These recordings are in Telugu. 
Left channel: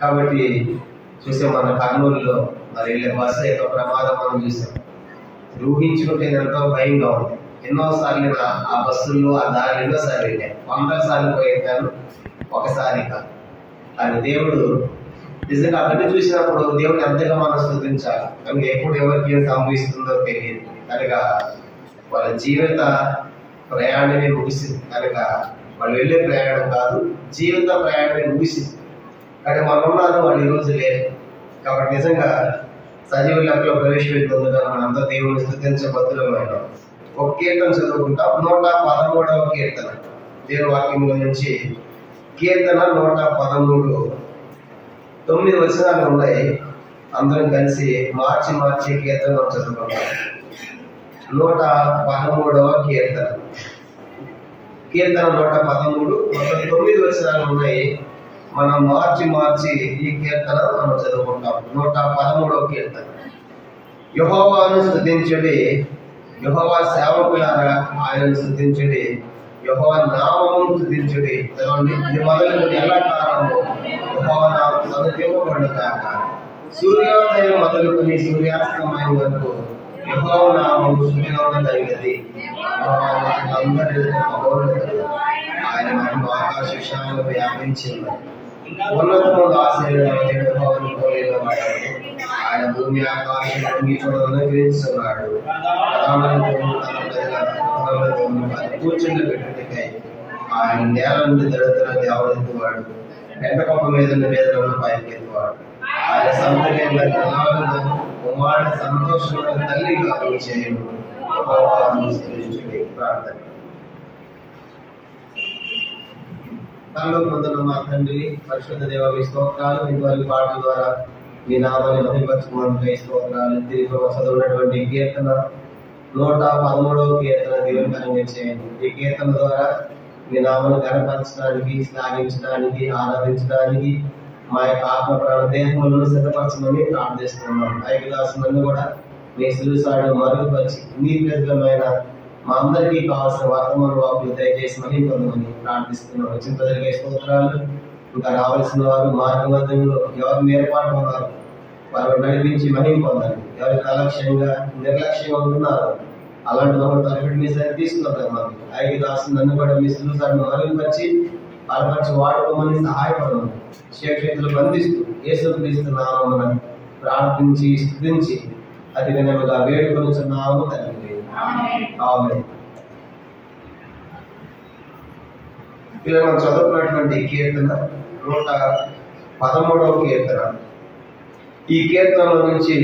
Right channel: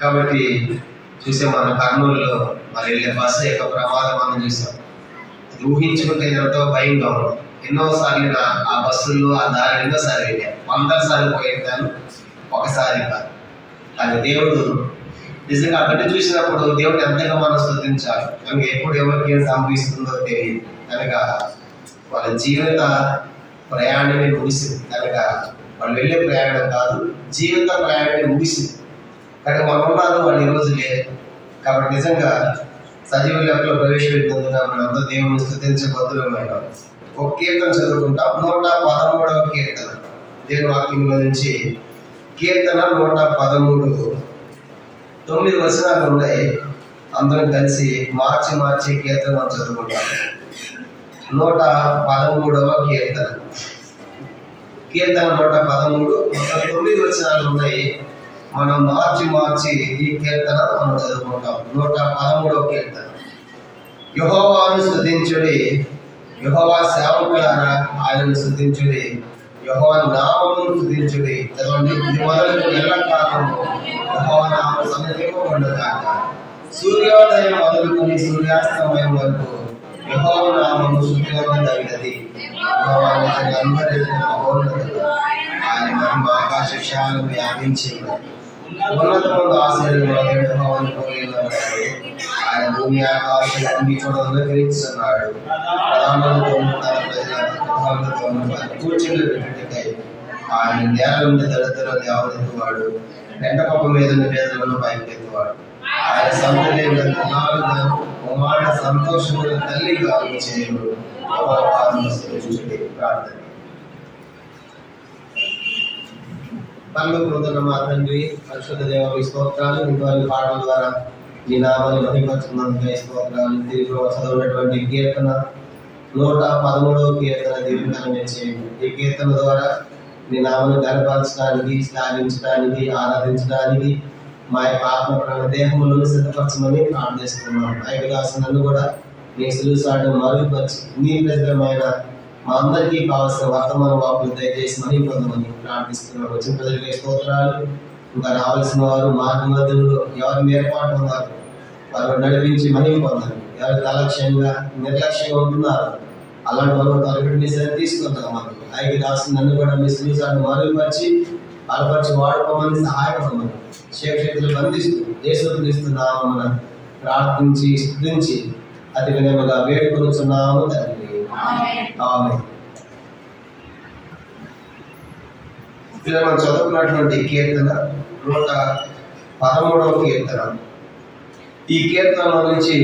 కాబట్టి చూసే మన కర్నూలులో మరి వెళ్ళే బస్సు యొక్క ప్రమాదం మనం చూసాం. ఊహించుకుంటే ఎంతో భయంగా ఉంది. ఎన్నోసార్లు ఆ బస్సుల్లో ఆ దారి ఎన్నోసార్లు వెళ్ళాను, 100 సార్లు పోయింటాను, ఒకసారి కాదు. కానీ దేవుడు నిజంగా అక్కడి చూసినప్పుడు దేవుడు ఎంతగా మనం స్తుతించాలి. కనుక ఎప్పుడు ఎవరికి ఏం సంభవిస్తుందో తెలియదు. కనుక వాళ్ళ జీవిత ప్రయాణమే ముగిసింది. కనుక వాళ్ళు వెళ్ళే ప్రయాణం కాదు, జీవిత ప్రయాణమే ముగిసింది. కానీ మనం ఉన్నారు, వాళ్ళు ఈరోజు లేరు. కాబట్టి నిజంగా సజీవ లెక్కలో ప్రవేశపెట్టినందుగా మనంతా దేవుని స్తుతించబద్దులమైన ఒక కీర్తన చదువుకుంటాం. 113వ కీర్తన దేవుని వాక్యంలో నుంచి. కీర్తన 113, 9 వచనాలు ఉన్నాయి. అందరం కలిసి మార్చి కీర్తన మనం చదువుకుంటాం. 113వ కీర్తన 113, 9 వచనాలు ఉన్నాయి. మనం మార్చి ఈ కీర్తన మనం చదువుకుంటాం. 113వ కీర్తన. యెహోవాను స్తుతించుడి, యెహోవా సేవకులారా ఆయనను స్తుతించుడి, యెహోవా నామమును స్తుతించుడి. చదవండి. ఇది మొదలు ఎల్లకాలము యెహోవా నామము స్తుతింపబడుగాక. సూర్యోదయం మొదలుకొని సూర్యాస్తమయం వరకు యెహోవా నామము స్తుతింపదగినది. యెహోవా అందరి మహోన్నతుడు, ఆయన మహిమ ఆకాశ విశాలం వ్యాపించి ఉన్నది. ఉన్నతముగా ఆశీర్వాదం యెహోవాను కొనియాడబడేది. ఆయన భూమి ఆకాశం అంగీకరిస్తున్నాడు. ప్రధానులతోనూ తన ప్రజలతోనూ కూర్చుండ పెట్టుటకై ఆయన నేల నుండి దళితుల లేవనెత్తువాడు. పెంటకప్ప మీద పేదలను పైకెత్తువాడు. ఆయన సంతలేని కుమార సంతోషమైన తల్లిగా చేయడు. ప్రార్థన. పరలోకమందున్న మా తండ్రి, పరిశుద్ధ దేవ మీ స్తోత్రాలు. మీ పాటల ద్వారా మీ నామాన్ని మహిమపరచుకున్నందుకు స్తోత్రాలు. తిరిగి చదివినటువంటి కీర్తన 113వ కీర్తన దీవెనకరంగా చేయండి. ఈ కీర్తన ద్వారా మీ నామాన్ని గణపరచడానికి, శ్లాఘించడానికి, ఆరాధించడానికి మా యొక్క ఆత్మ ప్రాణ దేహములను సిద్ధపరచమని ప్రార్థిస్తున్నాం. ఐకదాసు నన్ను కూడా మీ సులుసాడు మరుగుపరిచి నీ ప్రజలమైన మా అందరికీ కావాల్సిన వర్తమాన వాకులు దయచేసి మనీ పొందమని ప్రార్థిస్తున్నాం. వచ్చిన ప్రజలకి స్తోత్రాలు. ఇంకా రావాల్సిన వారు మార్గ మధ్యంలో ఎవరిని ఏర్పాటు ఉన్నారు వారు నడిపించి మహిమ పొందాలి. ఎవరు నిర్లక్ష్యంగా ఉంటున్నారు అలాంటి వాళ్ళు తలపెట్టి మీ సరి తీసుకొద్దామని ఐకదాసు నన్ను కూడా మీ సులుసాడు మరుగుపరిచి బలపరిచి వాడుకోమని సహాయపడమని శేక్షేతులు బంధిస్తూ యేసుక్రీస్తు నామమున ప్రార్థించి స్తుతించి అతి వినయముగా వేడుకొనుచున్నాము తండ్రి. ఆమేన్. ఇలా మనం చదువుకున్నటువంటి కీర్తన 113వ కీర్తన. ఈ కీర్తనలో నుంచి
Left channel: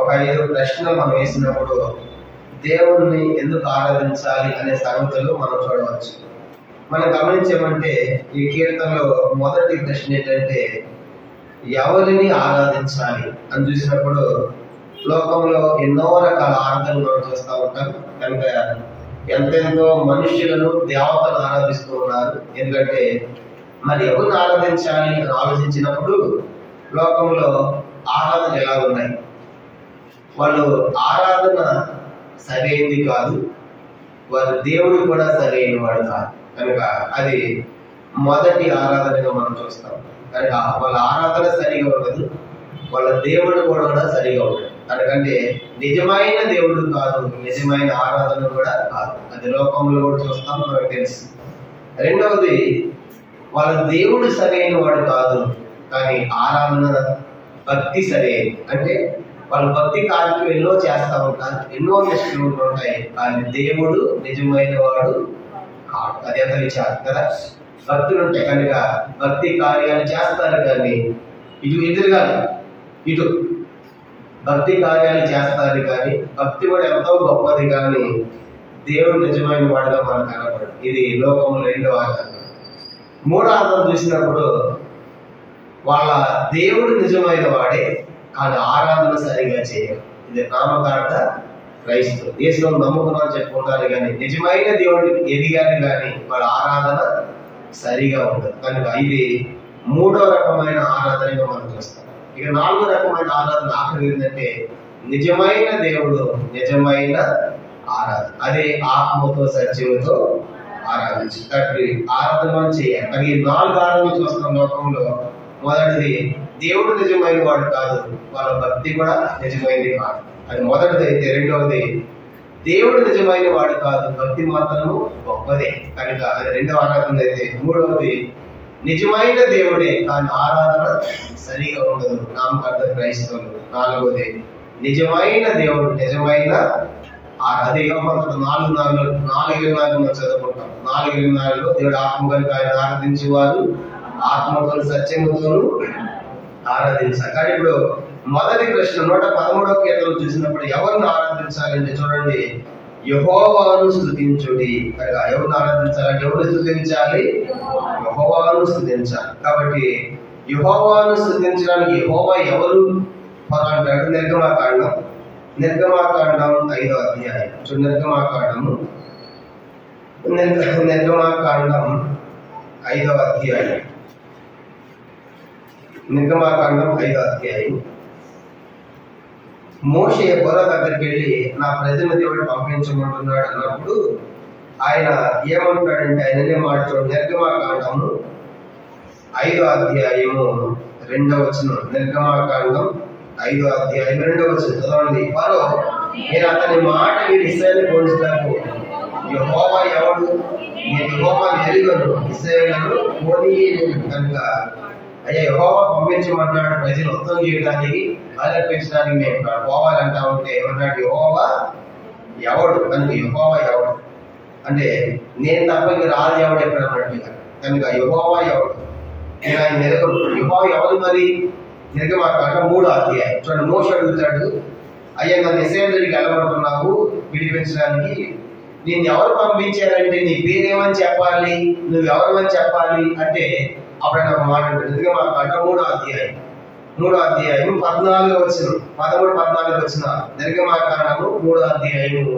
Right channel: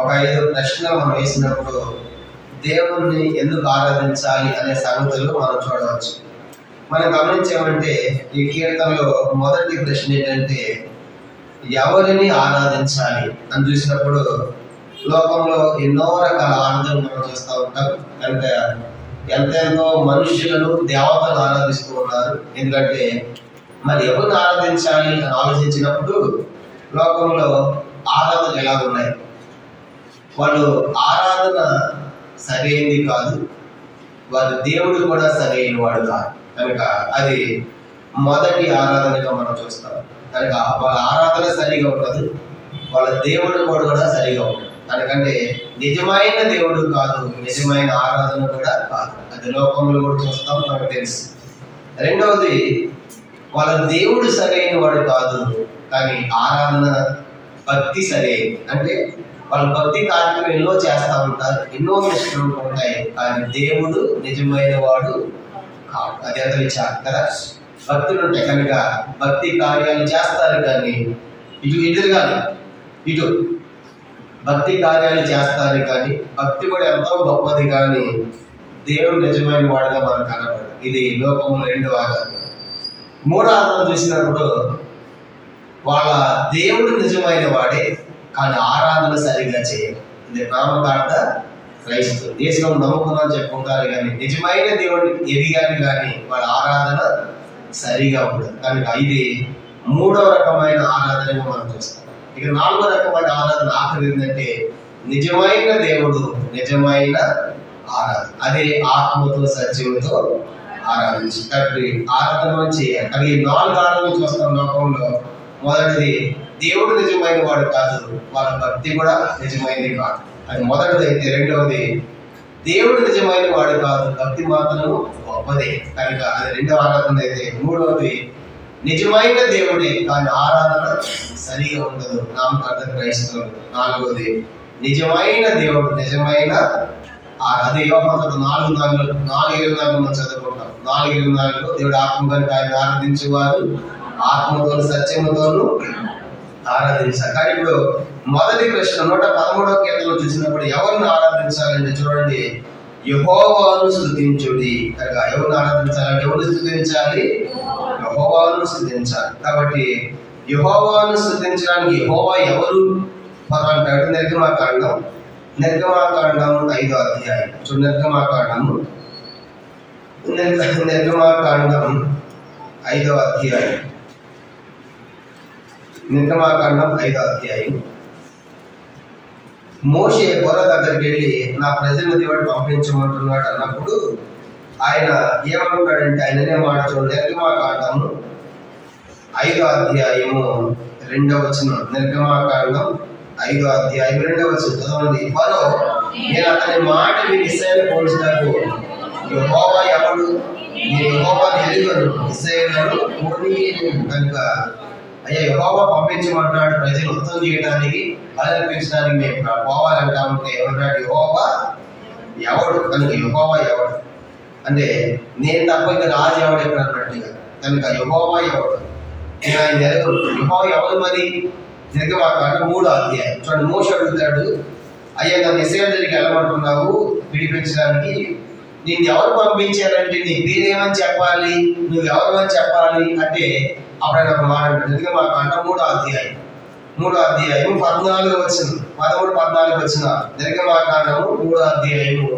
ఒక 5 ప్రశ్నలు మనం వేసినప్పుడు దేవుణ్ణి ఎందుకు ఆరాధించాలి అనే సంగతులు మనం చూడవచ్చు. మనం గమనించామంటే ఈ కీర్తనలో మొదటి ప్రశ్న ఏంటంటే ఎవరిని ఆరాధించాలి అని చూసినప్పుడు లోకంలో ఎన్నో రకాల ఆరాధనలు మనం చూస్తూ ఉంటాం. కనుక ఎంతెంతో మనుష్యులను దేవతలను ఆరాధిస్తూ ఉన్నారు. ఎందుకంటే మరి ఎవరిని ఆరాధించాలి అని ఆలోచించినప్పుడు లోకంలో ఆరాధన ఎలా ఉన్నాయి, వాళ్ళు ఆరాధన సరైనది కాదు, వారి దేవుడు కూడా సరైన వాడు కాదు. కనుక అది మొదటి ఆరాధనగా మనం చూస్తాం. కనుక వాళ్ళ ఆరాధన సరిగా ఉండదు, వాళ్ళ దేవుడు కూడా సరిగా ఉండదు. ఎందుకంటే నిజమైన దేవుడు కాదు, నిజమైన ఆరాధన కూడా కాదు. అది లోకంలో కూడా చూస్తాం, మనకు తెలుసు. రెండవది, వాళ్ళ దేవుడు సరైన వాడు కాదు, కానీ ఆరాధన భక్తి సరైనది. అంటే వాళ్ళు భక్తి కార్యక్రమం ఎన్నో చేస్తూ ఉంటారు, ఎన్నో నిష్ఠలు ఉంటాయి, కానీ దేవుడు నిజమైన వాడు కాదు. అది ఎంత విచారం కదా. భక్తులు ఉంటాయి కనుక భక్తి కార్యాలు చేస్తారు, కానీ ఇటు భక్తి కార్యాలు చేస్తారు, కానీ భక్తి కూడా ఎంతో గొప్పది, కానీ దేవుడు నిజమైన వాడుగా మనకు కనపడదు. ఇది లోకంలో రెండో ఆధారం. మూడో ఆధారం చూసినప్పుడు వాళ్ళ దేవుడు నిజమైన వాడే, కానీ ఆరాధన సరిగా చేయరు. ఇది నామకార్థ క్రైస్తవులు దేశంలో నమ్ముకున్నాను చెప్పుకుంటారు, కానీ నిజమైన దేవుడిని ఎదిగారు, కానీ వాళ్ళ ఆరాధన సరిగా ఉండదు. కనుక ఇది మూడో రకమైన ఆరాధనగా మనం చూస్తాం. ఇక నాలుగో రకమైన ఆరాధన ఆఖరి ఏంటంటే నిజమైన దేవుడు, నిజమైన ఆరాధన. అదే ఆత్మతో సత్యముతో ఆరాధించి కాబట్టి ఆరాధన చేయాలి. కానీ ఈ 4 ఆరాధనలు చూస్తాం లోకంలో. మొదటిది దేవుడు నిజమైన వాడు కాదు, వాళ్ళ భక్తి కూడా నిజమైనది కాదు. అది మొదటిది. అయితే రెండవది దేవుడు నిజమైన వాడు కాదు, భక్తి మాత్రం గొప్పదే కనుక అది రెండవ ఆరాధన. అయితే మూడవది నిజమైన దేవుడే కానీ ఆరాధన సరిగా ఉండదు, నామకార్థ క్రైస్తవులు. నాలుగవది నిజమైన దేవుడు నిజమైన అదే యోహాను 4:24 మనం చదువుకుంటాం. 4:24 దేవుడు ఆత్మ కనుక ఆయన ఆరాధించేవారు ఆత్మతోను సత్యముతోను ఆరాధించాలి. కానీ ఇప్పుడు మొదటి ప్రశ్న 113వ కీర్తనలో చూసినప్పుడు ఎవరిని ఆరాధించాలంటే చూడండి, యెహోవాను స్తుతించుడి. కనుక ఎవరిని ఆరాధించాలంటే ఎవరిని స్తుతించాలి? యెహోవాను స్తుతించాలి. కాబట్టి యెహోవాను స్తుతించడానికి యెహోవా ఎవరు అంటాడు? నిర్గమాకాండం 5వ అధ్యాయం చూడండి. నిర్గమాకాండం 5వ అధ్యాయం. నిర్గమాకాండం 5వ అధ్యాయం. మోషే ఫరో దగ్గరికి వెళ్ళి నా ప్రజలను దేవుడు పంపించమంటున్నాడు అన్నప్పుడు ఆయన ఏమంటాడంటే ఆయననే మాట చూడండి. నిర్గమాకాండము 5వ అధ్యాయము 2వ వచనం. నిర్గమాకాండం 5వ అధ్యాయం 2వ వచనం చదవండి. ఫరో నేను అతని మాట మీరు ఇశ్రాయేలు పోల్చుటకు యెహోవా ఎవడు? నేను యెహోవాను ఎరుగను, ఇశ్రాయేలును పోనీయను. కనుక అయ్యా యెహోవా పంపించమంటున్నాడు ప్రజలు ఉత్తమం చేయడానికి, బలర్పించడానికి మేము పోవాలంటా ఉంటే ఏమన్నాడు? యెహోవా ఎవడు? కనుక యెహోవా ఎవడు అంటే నేను తప్ప ఇంక రాజు ఎవడు ఎక్కడ అన్నట్టుగా. కనుక యెహోవా ఎవడు? నేను ఆయన ఎరగను. యెహోవా ఎవరు మరి? నిర్గమాకాండం 3వ అధ్యాయం చూడండి. మోషే అడుగుతాడు, అయ్యా నన్ను ఇశ్రాయేలు దగ్గరికి వెళ్ళమంటున్నావు విడిపించడానికి, నిన్ను ఎవరు పంపించారంటే నీ పేరేమని చెప్పాలి, నువ్వెవరమని చెప్పాలి అంటే అప్పుడు ఆయన ఒక మాట అంటాడు. నిర్గమాకాండం 3వ అధ్యాయం 14వ వచనం 13-14 వచనాలు. నిర్గమాకాండము 3వ అధ్యాయము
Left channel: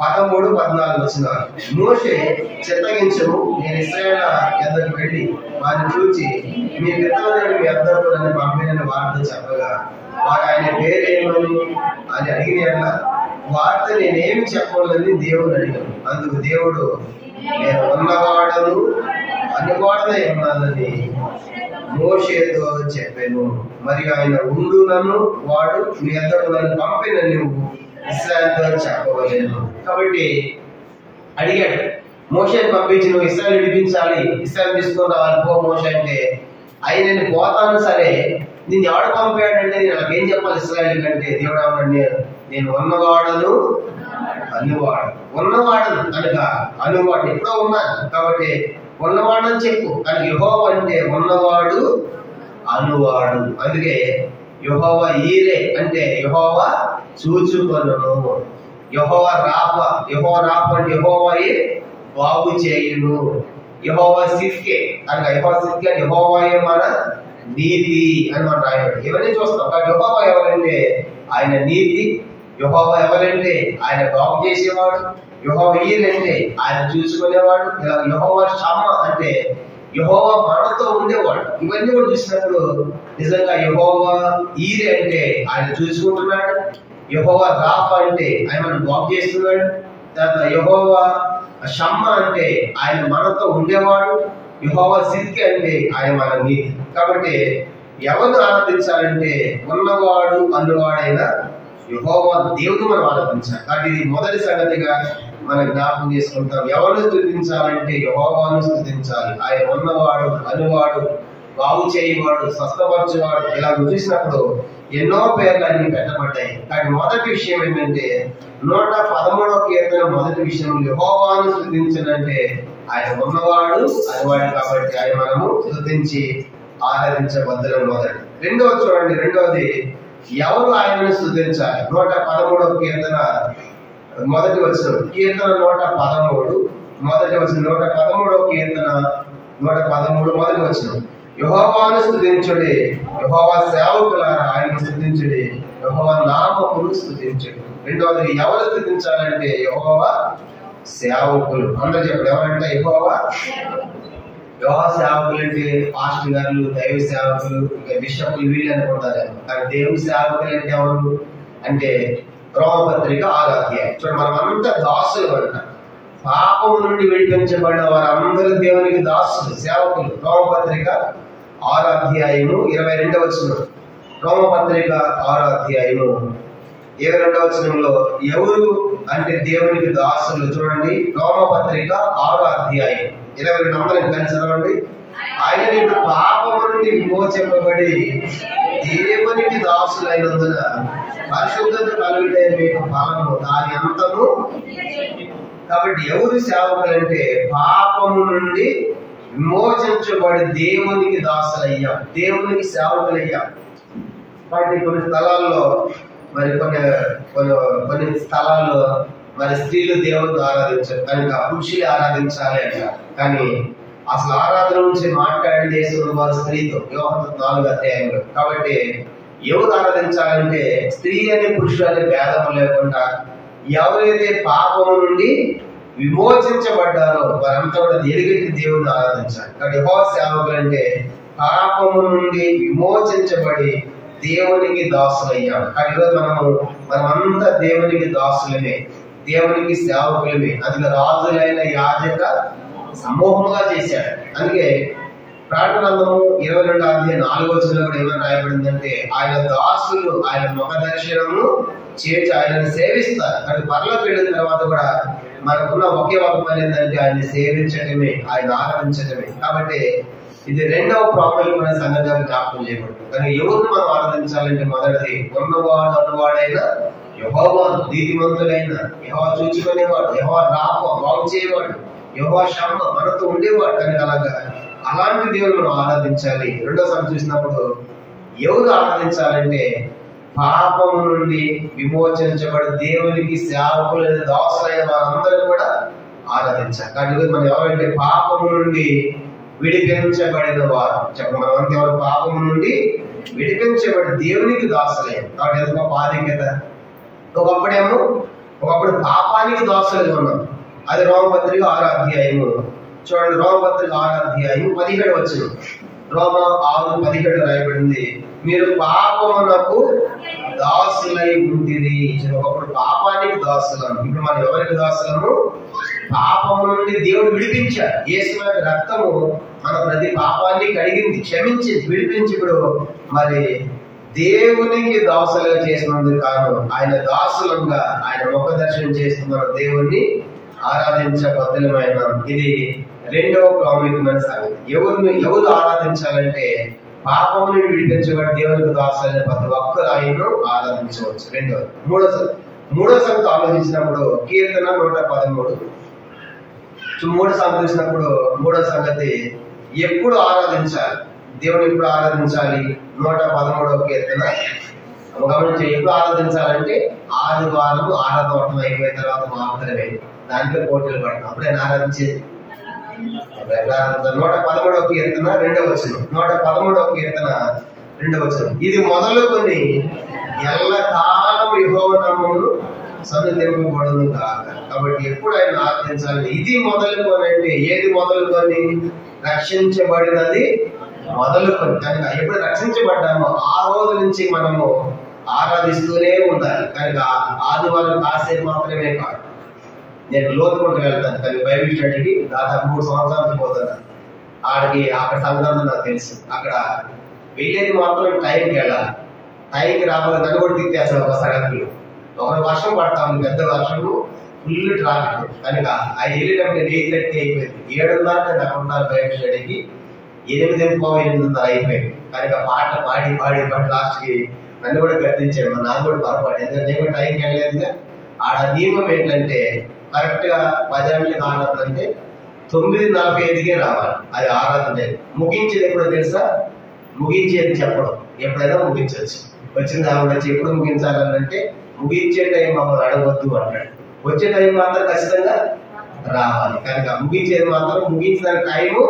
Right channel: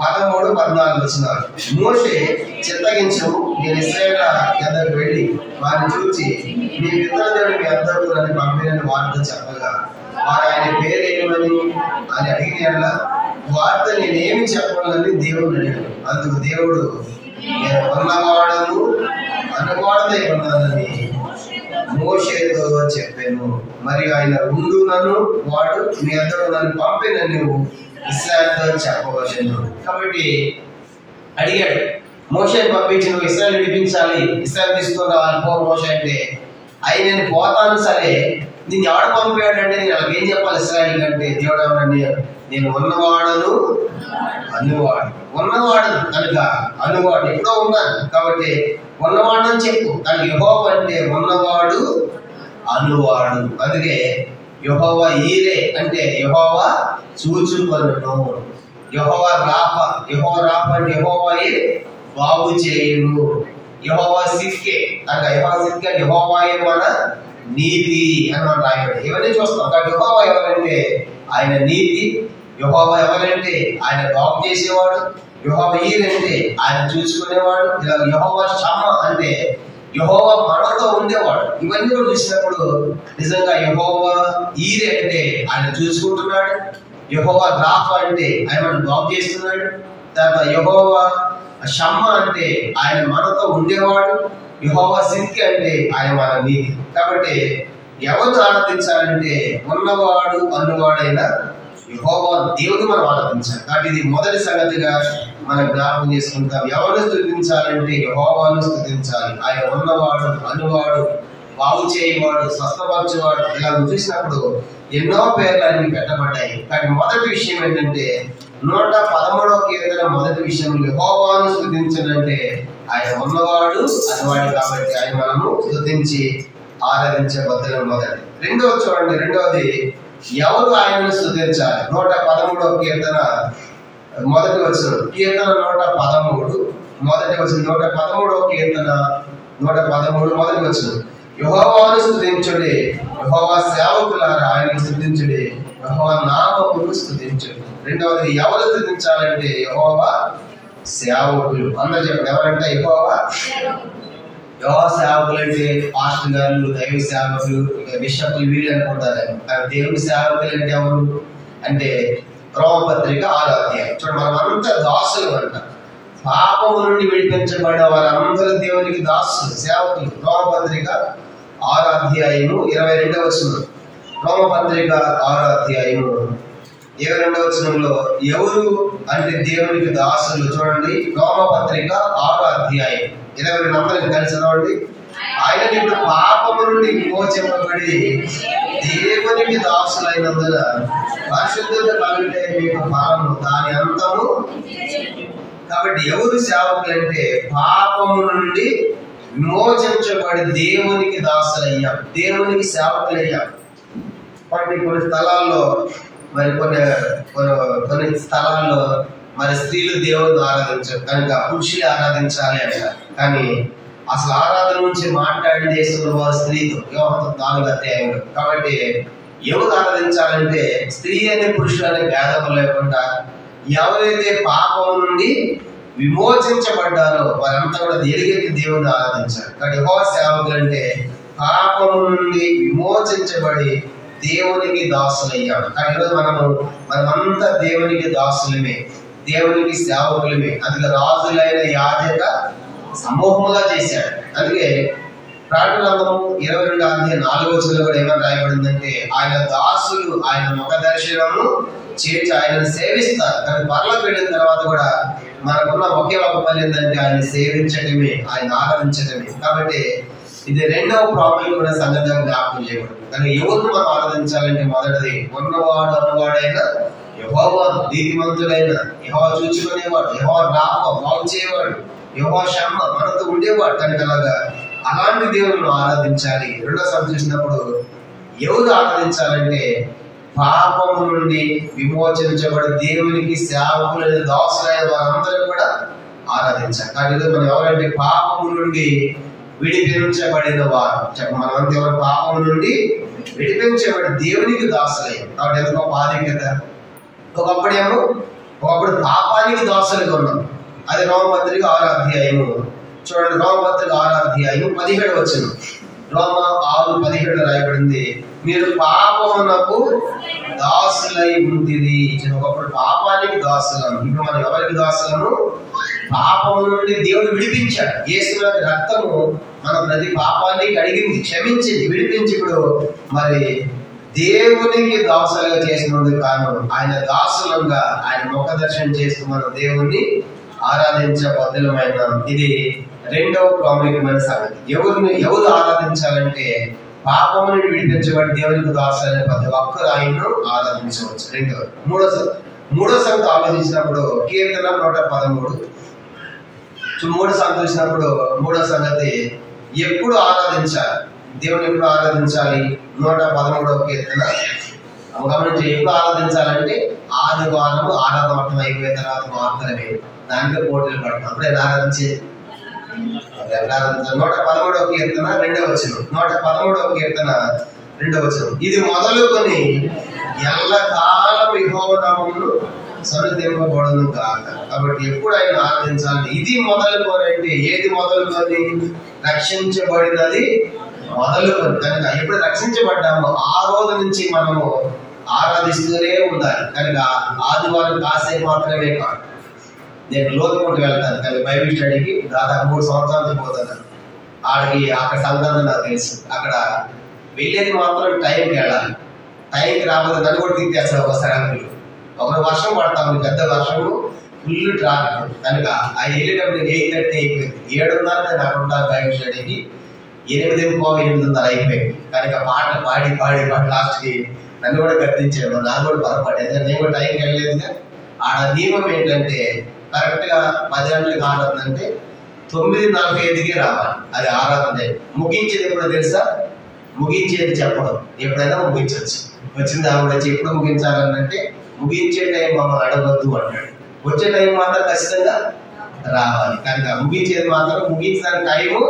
13-14 వచనాలు. మోషే చిత్తగించము, నేను ఇశ్రాయేలు యొద్దకు వెళ్ళి వారిని చూచి మీ పితరుల దేవుడు మీ యొద్దకు నన్ను పంపినని వారితో చెప్పగా వారు ఆయన పేరు ఏమని అని అడిగిన వార్త నేనేమి చెప్పాలని దేవుడు అడిగాను. అందుకు దేవుడు నేను ఉన్నవాడను అనువాడనే ఉన్నానని మోషేతో చెప్పాను. మరియు ఆయన ఉండునను వాడు మీ యొద్దకు నన్ను పంపిన నువ్వు ఇశ్రాయేలుతో చెప్పవలెను. కాబట్టి అడిగాడు, మోషేని పంపించి నువ్వు ఇశ్రాయేలు విడిపించాలి, ఇశ్రాయేలు తీసుకొని రావాలి పో మోషే అంటే, ఆయన నేను పోతాను సరే నిన్ను ఎవడు పంపాడంటే నేను వాళ్ళకి ఏం చెప్పాలి ఇశ్రాయేలు కంటే? దేవుడు ఏమన్నాడు? నేను ఉన్నవాడను అనువాడు. ఉన్నవాడను కనుక అనువాడు ఎప్పుడో ఉన్నాను కాబట్టి ఉన్నవాడని చెప్పు. కానీ యెహోవా అంటే ఉన్నవాడు అనువాడు. అందుకే యెహోవా ఈరే అంటే యెహోవా చూచుకొనును. యెహోవా రాఫ అంటే యెహోవాయే బాగు చేయును. యెహోవా సిద్కే అనగా యెహోవా సిద్కే అంటే యెహోవాయే మన నీతి అని మనం రాయబడి ఇవన్నీ చూస్తాం. కాబట్టి యెహోవా ఎవరంటే ఆయన నీతి, యెహోవా ఎవరంటే ఆయన బాగు చేసేవాడు, యెహోవా ఈరంటే ఆయన చూసుకునేవాడు, ఇలా యెహోవా షమ్మా అంటే యెహోవా మనతో ఉండేవాడు. ఇవన్నీ కూడా చూసినప్పుడు నిజంగా యెహోవా ఈరే అంటే ఆయన చూసుకుంటున్నాడు, యెహోవా రాఫా అంటే ఆయన మనం బాగు చేస్తున్నాడు, తర్వాత యెహోవా షమ్మా అంటే ఆయన మనతో ఉండేవాడు, యెహోవా సిద్కి అంటే ఆయన మన నీతి. కాబట్టి ఎవరు ఆరాధించాలంటే ఉన్నవాడు అన్నవాడైన యెహోవా దేవుడు మనం ఆరాధించాలి. కాబట్టి ఇది మొదటి సంగతిగా మనం జ్ఞాపకం చేసుకుంటాం. ఎవరిని స్తుతించాలంటే యెహోవాను స్తుతించాలి. ఆయన ఉన్నవాడు అనువాడు బాగు చేయవాడు స్వస్థపరచువాడు. ఇలా చూసినప్పుడు ఎన్నో పేర్లు అన్ని పెట్టబడ్డాయి. కానీ మొదటి విషయం ఏంటంటే 113వ కీర్తన మొదటి విషయం యెహోవాను స్తుతించాలంటే ఆయన ఉన్నవాడు అనువాడు కాబట్టి ఆయన మనము స్తుతించి ఆరాధించబద్దలం మొదటి. రెండవది చూడండి, రెండవది ఎవరు ఆయనను స్తుతించాలి? 113వ కీర్తన మొదటి వచనం. కీర్తన 113 మొదటి వచనం. 113వ కీర్తన 113 మొదటి వచనం. యెహోవాను స్తుతించుడి, యెహోవా సేవకులారా ఆయనను స్తుతించుడి, యెహోవా నామమును స్తుతించుడి. రెండవది ఎవరు స్తుతించాలంటే యెహోవా సేవకులు. అందరూ చెప్పండి ఎవరంటే యెహోవా సేవకులు అంటే పాస్టర్ గారు, దైవ సేవకులు, ఇక బిషపులు వీళ్ళు అనుకుంటారు. కానీ దేవుని సేవకులు అంటే ఎవరు అంటే రోమపత్రిక 6వ అధ్యాయం చూడండి. మనం అంతా దాసులు అంట. పాపము నుండి విడిపించబడిన వారందరూ దేవునికి దాసులు, సేవకులు. రోమపత్రిక 6వ అధ్యాయము 22వ వచనం. రోమపత్రిక 6వ అధ్యాయము 22వ వచనంలో ఎవరు అంటే దేవునికి దాసులు. చూడండి, రోమపత్రిక 6వ అధ్యాయం 22 అందరం కలిసి చదవండి. ఆయన ఇప్పుడు పాపము నుండి విమోచింపబడి దేవునికి దాసులైనందున పరిశుద్ధత కలుగుటే మీకు ఫలము దాని అంతము. కాబట్టి ఎవరు సేవకులంటే పాపము నుండి విమోచించబడి దేవునికి దాసులయ్యాం, దేవునికి సేవకులయ్యాం. కాబట్టి కొన్ని స్థలాల్లో మరి కొన్ని స్థలాల్లో మరి స్త్రీలు దేవుని ఆరాధించారు కనుక పురుషులు ఆరాధించాలి అంట. కానీ అసలు ఆరాధన నుంచి మాట్లాడి చేస్తున్న వారు స్త్రీతో, యోహాను 4వ అధ్యాయంలో. కాబట్టి ఎవరు ఆరాధించాలంటే స్త్రీ అని పురుషులు అనే భేదం లేకుండా ఎవరైతే పాపం నుండి విమోచించబడ్డారో వారంతా కూడా ఎలుగెత్తి దేవుని ఆరాధించాలి. కాబట్టి యెహోవా సేవకులు అంటే పాపము నుండి విమోచించబడి దేవునికి దాసులయ్యాం. కానీ ఈరోజు మనమంతా దేవునికి దాసులమే, దేవునికి సేవకులమే. అందుకే రాజులైన యాజక సమూహముగా చేశాడు. అందుకే ప్రకటన గ్రంథము 22వ అధ్యాయం 4వ వచనంలో కూడా ఏమని రాయబడిందంటే ఆయన దాసులు ఆయన ముఖ దర్శనము చేర్చి ఆయనను సేవిస్తారు. కానీ పరలోకి వెళ్ళిన తర్వాత కూడా మనకున్న ఒకే ఒక పని ఏంటంటే ఆయన సేవించటమే, ఆయన ఆరాధించటమే. కాబట్టి ఇది రెండవ ప్రాముఖ్యమైన సంగతిగా జ్ఞాపకం చేయబడింది. కానీ ఎవరిని మనం ఆరాధించాలంటే మొదటిది ఉన్నవాడు అనువాడైన యెహోవా, నీతిమంతుడైన యెహోవా, చూచుకునేవాడు యెహోవా, రాప బాగు చేయవాడు యెహోవా, షమ్మ మనతో ఉండేవాడు. కనుక అలాంటి దేవుని మనం ఆరాధించాలి. రెండోసారి చూసినప్పుడు ఎవరు ఆరాధించాలంటే పాపము నుండి విమోచించబడి దేవునికి సేవకులైన దాసులైన వారందరూ కూడా ఆరాధించాలి. కానీ మనం ఎవరంటే పాపము నుండి విడిపించబడిన వారు. మనమంతా ఎవరు పాపము నుండి విడిపించబడి దేవునికి దాసులయ్యాం. కాబట్టి ఎంత గొప్ప ఆధిక్యత. ఒకప్పుడు పాపానికి దాసులుగా ఉన్నాం. అది రోమపత్రిక 6వ అధ్యాయము. చూడండి, రోమపత్రిక 6వ అధ్యాయము 17వ వచనం. రోమ 6:17 రాయబడింది, మీరు పాపమునకు దాసులై ఉంటిరి. ఒకప్పుడు పాపానికి దాసులం, ఇప్పుడు మనం ఎవరికి దాసులము? పాపము నుండి దేవుడు విడిపించాడు. యేసు రక్తము మన ప్రతి పాపాన్ని కడిగింది, క్షమించింది, విడిపించి ఇప్పుడు మరి దేవునికి దాసులుగా చేసినందుకు కాను ఆయన దాసులంగా ఆయన ముఖ దర్శనం చేస్తూ మన దేవుణ్ణి ఆరాధించబద్ధమైన. ఇది రెండవ ప్రాముఖ్యమైన సంగతి. ఎవరు ఆరాధించాలంటే పాపముని విడిపించబడి దేవునికి దాసులైన ప్రతి ఒక్కరు ఆయన్ను ఆరాధించవచ్చు. మూడో సంగతి ఆలోచించినప్పుడు కీర్తన 113. మూడో సంగతి చూసినప్పుడు మూడో సంగతి ఎప్పుడు ఆరాధించాలి, దేవుని ఎప్పుడు ఆరాధించాలి? 113వ కీర్తన గమనించి, ఎప్పుడు ఆరాధించాలంటే ఆదివారం ఆరాధన అయిపోయిన తర్వాత మాత్రమే. దానికే పోటీలు పడతాం. అప్పుడే ఆరాధించేది 113వ కీర్తన 2వ వచనం. 113వ కీర్తన 2వ వచనం, ఇది మొదలుకొని ఎల్లకాలం యెహోవా నామమును సన్నిధింపబడును గాక. కాబట్టి ఎప్పుడు ఆయన ఆరాధించాలి? ఇది మొదలుకొని అంటే ఏది మొదలుకొని? రక్షించబడినది మొదలుకొని. కనుక ఎప్పుడు రక్షించబడ్డామో ఆ రోజు నుంచి మనము ఆరాధిస్తూనే ఉండాలి. కనుక ఆదివారం కాసేపు మాత్రమే కాదు. నేను లోతుకుంటూ వెళ్తాను, కానీ బైబిల్ స్టడీకి దాదాపు 3 సంవత్సరాల నుంచి పోతున్నాను. అక్కడ సంగతి నాకు తెలుసు. అక్కడ వెళ్ళేది మాత్రం టైంకి వెళ్ళాలి. టైంకి రాకపోతే నన్ను కూడా తిట్టేస్తాడు ఒక సడన్లు. ఒక వర్షం పడతా ఉంది, పెద్ద వర్షము, ఫుల్ ట్రాఫిక్. కనుక ఆ వెళ్ళేటప్పుడు నేను 8:30 అయిపోయింది. 7:30 నేను అక్కడ ఉంటాను బైబిల్ స్టడీకి. 8:30 అయిపోయింది. కనుక పాటలు పాడి లాస్ట్కి నన్ను కూడా గర్తించాడు. నాకు కూడా పొరపాటు, ఎందుకంటే నేను కూడా టైంకి వెళ్ళలేదుగా. ఆడ నియమం ఏంటంటే కరెక్ట్గా 10 గంటలకు ఆరాధన అంటే 9:45కే రావాలి. అది ఆరాధన. ముగించేది ఎప్పుడో తెలుసా? ముగించేది చెప్పడం, ఎప్పుడైనా ముగించవచ్చు. వచ్చిన దాని వచ్చి ఎప్పుడు ముగించాలంటే ముగించే టైం మమ్మల్ని అడగవద్దు అంటాడు. వచ్చే టైం మాత్రం ఖచ్చితంగా రావాలి. కనుక ముగించేది మాత్రం ముగించడానికి టైము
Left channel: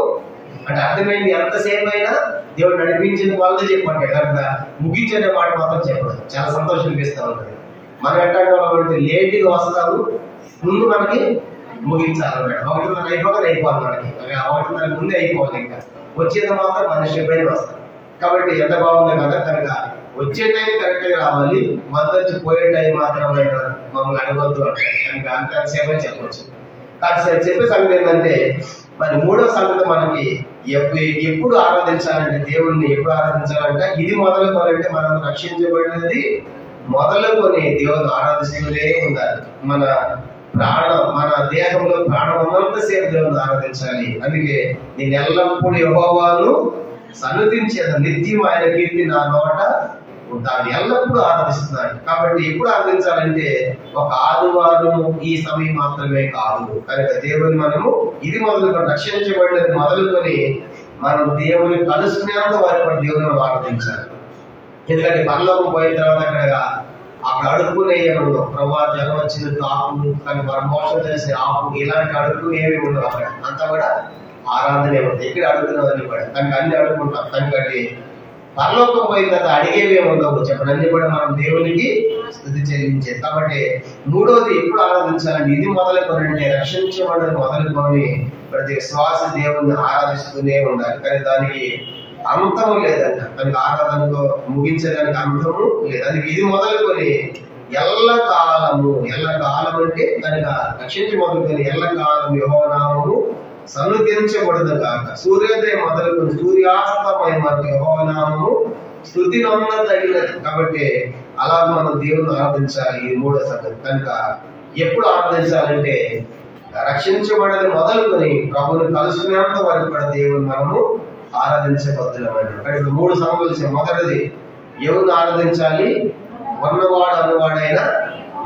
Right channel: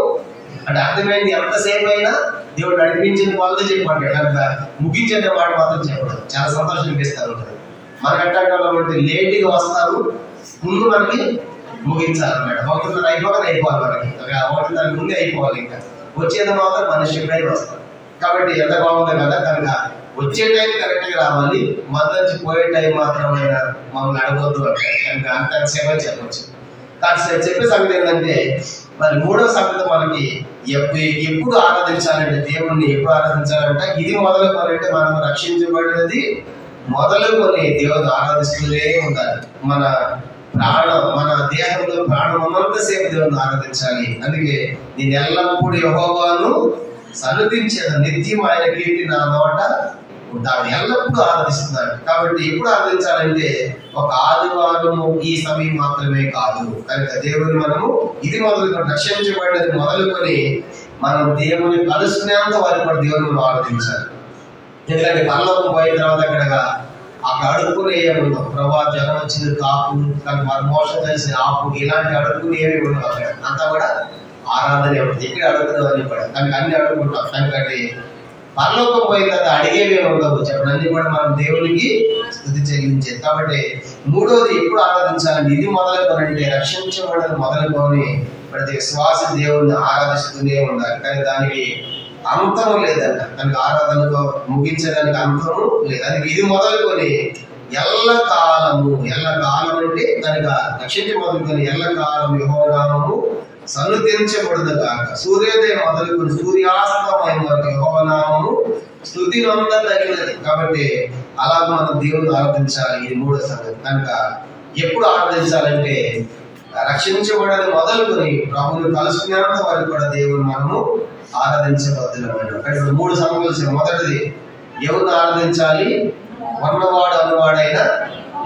అంటే అర్థమైంది. ఎంతసేపు అయినా దేవుడు నడిపించిన వాళ్ళతో చెప్పంటాడు. కనుక ముగించే మాట మాత్రం చెప్పడం చాలా సంతోషం అనిపిస్తూ ఉంటుంది. మనం ఎట్లాంటి లేట్గా వస్తాము, ముందు మనకి ముగించాలన్నమాట. 1:30 అయిపోవాలి మనకి. 1:30 ముందే అయిపోవాలి. ఇంకా వచ్చేది మాత్రం మనిషి ఎప్పుడైనా వస్తాం. కాబట్టి ఎంత బాగుంది కదా. కనుక వచ్చే టైం కరెక్ట్గా రావాలి, మద్దతు పోయే టైం మాత్రమైనా మమ్మల్ని అడగొద్దు అంటారు. కనుక అంత సేవ చెప్పవచ్చు. కానీ చెప్పే సంగతి ఏంటంటే మరి మూడవ సంగతి మనకి ఎప్పుడు ఆరాధించాలంటే, దేవుణ్ణి ఎప్పుడు ఆరాధించాలంటే, ఇది మొదలుకొనంటే మనం రక్షించబడినది మొదలుకొని దేవుని ఆరాధిస్తూనే ఉండాలి. మన దేహంలో ప్రాణం ఉన్నంతసేపు దేవుని ఆరాధించాలి. అందుకే నేను ఎల్లప్పుడూ యెహోవాను సన్నుతించేది, నిత్యం ఆయన కీర్తి నా నోట ఉంటాడు. ఎల్లప్పుడూ ఆరాధిస్తున్నాడు. కాబట్టి ఎప్పుడు ఆరాధించాలంటే ఒక ఆదివారం ఈ సమయం మాత్రమే కాదు. కనుక దేవుని మనము ఇది మొదలుకొని, రక్షించబడినది మొదలుకొని మనం దేవుని కలుసుకునేంత వరకు కూడా దేవుని మనం ఆరాధించాలి. ఎందుకంటే పరలోకం పోయిన తర్వాత అక్కడ అడుక్కునే ఉండవు. ప్రభా జనం వచ్చింది తాపు, కానీ వారు మోసం చేసి ఆపు, ఇలాంటి అడుక్కునేవి ఉండవు. అక్కడ అంతా కూడా ఆరాధనే ఉంటుంది. ఇక్కడ అడుగుతున్నవన్నీ కూడా దానికి అన్ని అడుగుకుంటాం. దానికంటే పరలోకం పోయిన తర్వాత అడిగేవి ఉండవు. చెప్పండి, అన్ని కూడా మనం దేవునికి స్తుతి చెల్లించేది. కాబట్టి మూడవది ఎప్పుడు ఆరాధించాలంటే, ఇది మొదలుకొనంటే రక్షించబడని మొదలుకొని ప్రతి విశ్వాస దేవుణ్ణి ఆరాధిస్తూనే ఉండాలి. కానీ దానికి అంతము లేదంట. దానికి ఆరాధనతో ముగించడానికి అంతము లేదు. దానికి ఇది మొదలుకొని ఎల్లకాలము అంటే దానికి రక్షించి మొదలుకొని ఎల్లకాలము యెహోవా నామము సన్నుతించబడును గాక. సూర్యోదయం మొదలుకొని సూర్యాస్తమయం వరకు యెహోవా నామము స్తుతి నొందదగినది. కాబట్టి అలా మనం దేవుని ఆరాధించాలి. ఇది మూడో సంగతి. కనుక ఎప్పుడు ఆరాధించాలంటే రక్షించబడని మొదలుకొని ప్రభుని కలుసుకునేంత వరకు కూడా దేవుని మనము ఆరాధించబద్దులమైన. ఇక్కడ మూడు సంగతులు. మొదటిది ఎవరిని ఆరాధించాలి? ఉన్నవాడు అనువాడైన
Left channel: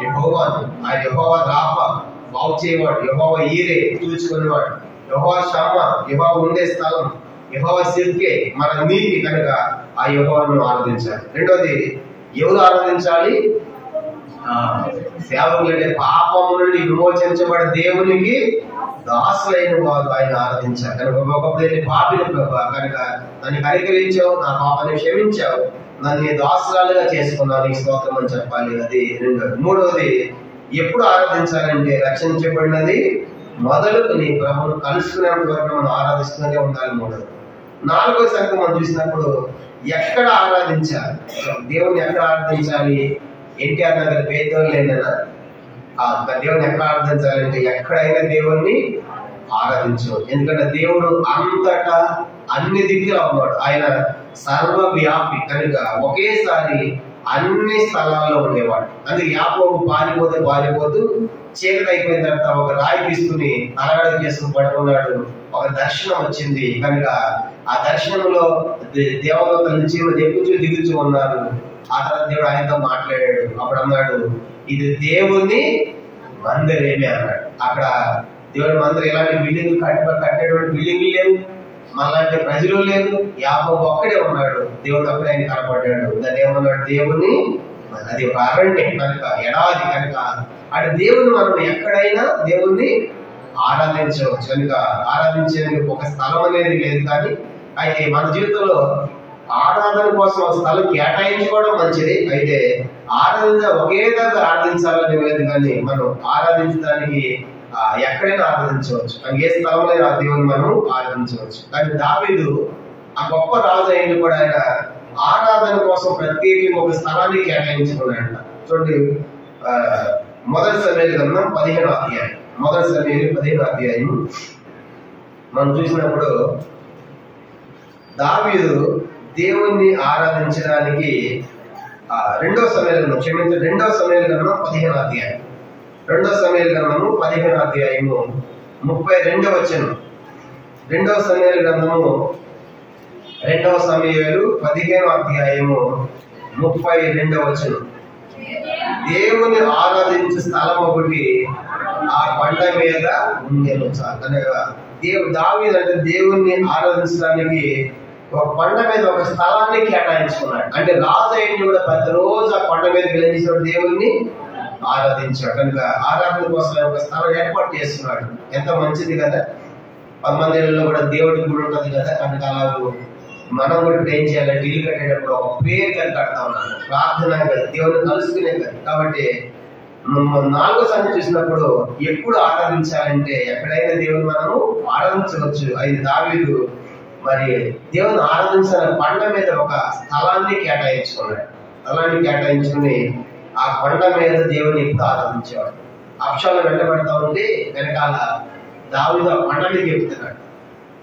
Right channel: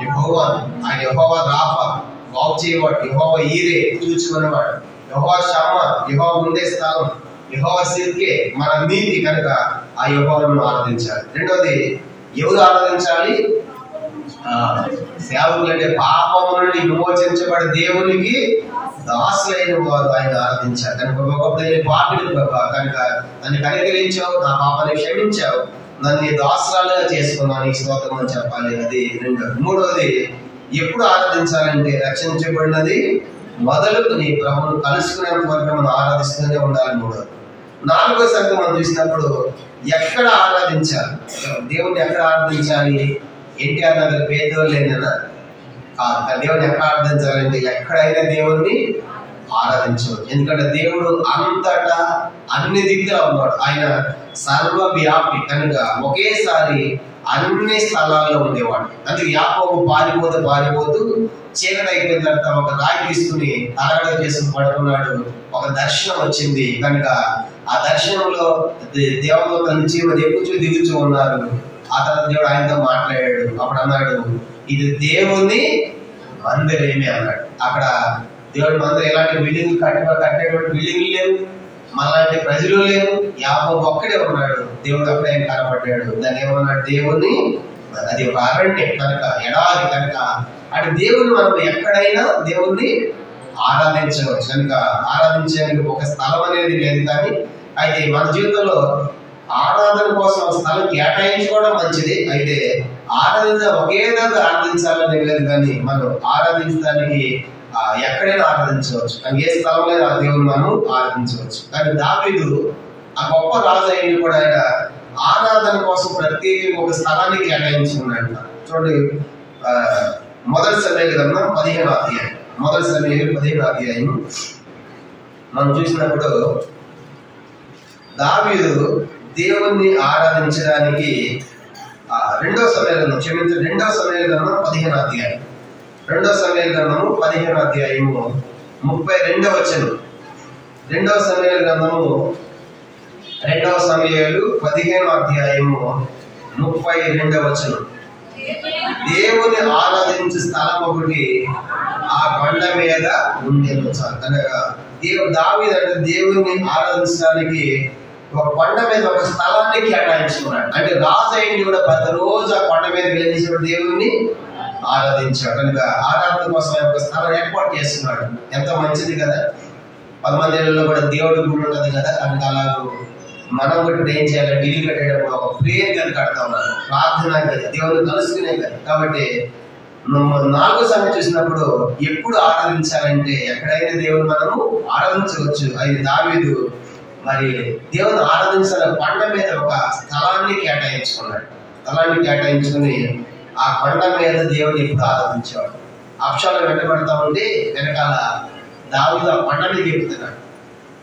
యెహోవాను. ఆయన యెహోవా రాఫా, బాగు చేయవాడు. యెహోవా ఈరే, చూచుకునేవాడు. యెహోవా షమ్మా, యెహోవా ఉండే స్థలం. యెహోవా సిర్కే, మన నీతి. కనుక ఆ యెహోవాను ఆరాధించాలి. రెండోది ఎవరు ఆరాధించాలి? సేవకులు అంటే పాపము నుండి విమోచించబడే దేవునికి దాసులైన వారు ఆయన ఆరాధించారు. కనుక ఒకప్పుడు పాపిని ప్రభా, కనుక నన్ను కనికరించావు, నా పాపాన్ని క్షమించావు, నన్ను దాసురాలుగా చేసుకున్నాను, నీకు స్తోత్రం అని చెప్పాలి. అది రెండోది. మూడవది ఎప్పుడు ఆరాధించాలంటే రక్షించబడినది మొదలుకొని ప్రభువును కలుసుకునేంత వరకు మనం ఆరాధిస్తూనే ఉండాలి. మూడవది. నాలుగో సంగతి మనం చూసినప్పుడు ఎక్కడ ఆరాధించాలి? దేవుణ్ణి ఎక్కడ ఆరాధించాలి? ఎన్టీఆర్ నగర్ పేదోళ్ళు లేదన్నా కాదు. దేవుని ఎక్కడ ఆరాధించాలంటే ఎక్కడైనా దేవుణ్ణి ఆరాధించవచ్చు. ఎందుకంటే దేవుడు అంతటా అన్ని దిక్కులా ఉన్నాడు. ఆయన సర్వవ్యాపి. కనుక ఒకేసారి అన్ని స్థలాల్లో ఉండేవాడు. అందుకే యాకోబు పారిపోతూ చీకటి అయిపోయిన తర్వాత ఒక రాయి తీసుకుని తలగడ చేసుకుని పడుకున్నాడు. ఒక దర్శనం వచ్చింది. కనుక ఆ దర్శనంలో దేవదూతల నుంచి ఎక్కుచూ దిగుచూ ఉన్నారు. ఆ తర్వాత దేవుడు ఆయనతో మాట్లాడాడు. అప్పుడు అన్నాడు, ఇది దేవుని మందిరమే అన్నాడు. అక్కడ దేవుడి మందిరం ఎలాంటి బిల్డింగ్ కట్టేటువంటి బిల్డింగ్లు లేవు, మనలాంటి ప్రజలు లేవు. యాకోబు ఒక్కడే ఉన్నాడు. దేవుడు అప్పుడే ఆయన కనపడ్డాడు. దాన్ని ఏమన్నాడు? దేవుని, అది ఒక అరణ్యం కనుక, ఎడారి కనుక అటు దేవుని మనం ఎక్కడైనా దేవుణ్ణి ఆరాధించవచ్చు. కనుక ఆరాధించేందుకు ఒక స్థలం అనేది లేదు. కానీ అయితే మన జీవితంలో ఆరాధన కోసం ఒక స్థలం కేటాయించుకోవడం మంచిది. అయితే ఒకే దగ్గర ఆరాధించాలని లేదు. కానీ మనం ఆరాధించడానికి ఎక్కడైనా ఆరాధించవచ్చు. కానీ ఏ స్థలంలో ఆ దేవుని మనం ఆరాధించవచ్చు. కానీ దావీదు ఆ గొప్ప రాజు అయిన కూడా ఆయన ఆరాధన కోసం ప్రత్యేకంగా ఒక స్థలాన్ని కేటాయించుకున్నాడంట. చూడండి, మొదటి సమయాల గ్రంథం 15వ అధ్యాయం. మొదటి సమయాలు 15వ అధ్యాయం మనం చూసినప్పుడు దావీదు దేవుణ్ణి ఆరాధించడానికి రెండవ సమయాల గ్రంథం 15వ అధ్యాయం. 2వ సమయాల గ్రంథము 15వ అధ్యాయము 32వ వచనం. 2వ సమయాల గ్రంథము 2వ సమయాలు 15వ అధ్యాయము 32వ వచనం. దేవుని ఆరాధించే స్థలం ఒకటి ఆ కొండ మీద ఉండేను. అనగా దావీదు అంటే దేవుణ్ణి ఆరాధించడానికి ఒక కొండ మీద ఒక స్థలాన్ని కేటాయించుకున్నాడు. అంటే రాజు అయిన కూడా ప్రతిరోజు ఆ కొండ మీద వెళ్ళేసాడు, దేవుణ్ణి ఆరాధించాడు. కనుక ఆరాధన కోసం ఒక స్థలం ఏర్పాటు చేస్తున్నాడు. ఎంత మంచిది కదా. 10 మందిలో కూడా దేవుడి గుడి ఉంటుంది కదా. కనుక అలాగూ మనం కూడా ఏం చేయాలంటే ఇల్లు కట్టేటప్పుడు ఒక ప్రేయర్ గది కడతా ఉన్నాను, ప్రార్థన గది, దేవుని కలుసుకునే గది. కాబట్టి 4వ సంగతి చూసినప్పుడు ఎప్పుడు ఆరాధించాలంటే ఎక్కడైనా దేవుని మనము ఆరాధించవచ్చు. అది దావీదు మరి దేవుని ఆరాధించిన కొండ మీద ఒక స్థలాన్ని కేటాయించుకున్నాడు. స్థలాన్ని కేటాయించుకుని ఆ కొండ మీద దేవుని ఎప్పుడు ఆరాధించేవాడు. అప్షాలు వెంటబడతా ఉంటే వెనకాల దావీదు ఆ కొండ మీదకి ఎక్కుతున్నాడు.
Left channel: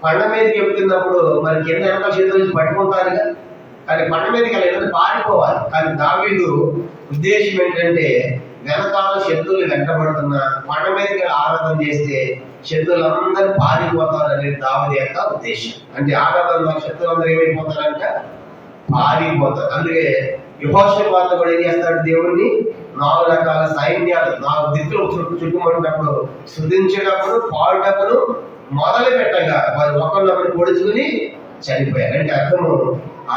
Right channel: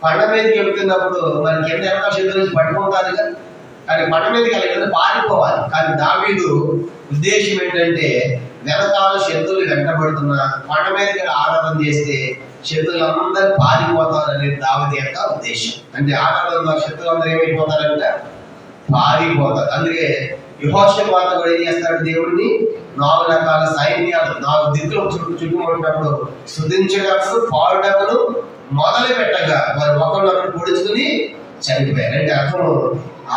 కొండ మీదకి ఎక్కుతున్నప్పుడు మరి కింద వెనకాల శత్రువులు పట్టుకుంటారుగా, కానీ కొండ మీదకి వెళ్ళి పారిపోవాలి. కానీ దావీదు ఉద్దేశం ఏంటంటే వెనకాల శత్రువులు వెంటబడుతున్నా కొండ మీదకి ఆరాధన చేస్తే శత్రువులందరూ పారిపోతారు అనేది దావీదు యొక్క ఉద్దేశం. అంటే ఆరాధన శత్రువులందరూ ఏమైపోతారంట, పారిపోతారు. అందుకే యెహోషాపాతు కూడా ఏం చేస్తాడు, దేవుణ్ణి 4 రకాల సైన్యాలు 4 దిక్కులు చుట్టుముట్టినప్పుడు స్తుతించేటప్పుడు పాడుటప్పుడు మొదలు పెట్టగా వారు ఒకరినొకరు పొడుచుకుని చనిపోయారు. అంటే అర్థము